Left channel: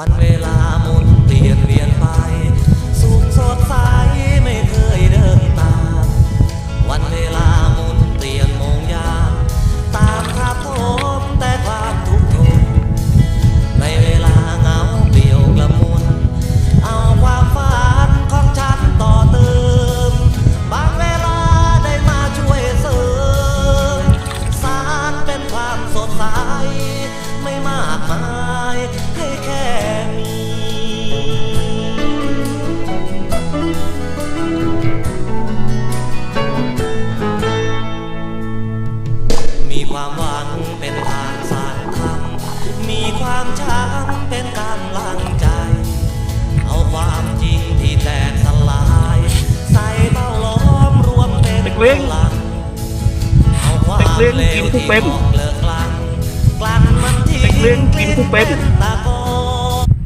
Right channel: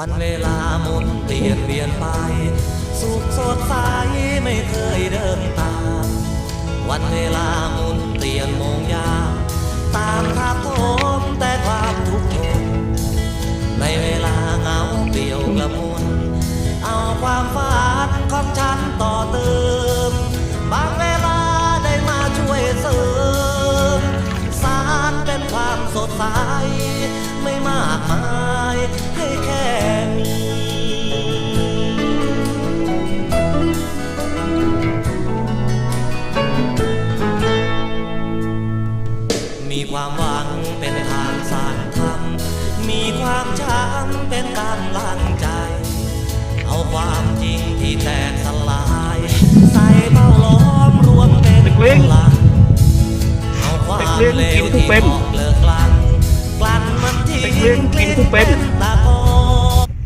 วันเวลาหมุนเปลี่ยนเวียนไป สุขสดใสไม่เคยเดินตาม วันเวลาหมุนเปลี่ยนโมงยามตามทับทมแต่ความทุกข์ทนในเวลาเหงาเปลี่ยวกระมุน เอาความฝันของฉันต่อเติม บางเวลาได้มาช่วยเสริมสารเป็นความสดใสไม่มากมาย มีความหวังเป็นทางสร้างธรรม มีความช้ำเป็นกำลังใจ เอาความจริงที่แตกสลาย ใส่เป้าล้อมรวมเป็นเด็กเลี้ยงพลังเอาความเด็กเลี้ยงเลวกินผู้ที่เป็นออกเลิกกลันกลั่นมันทิ้งเด็กเลี้ยงกินผู้เป็นตะกอ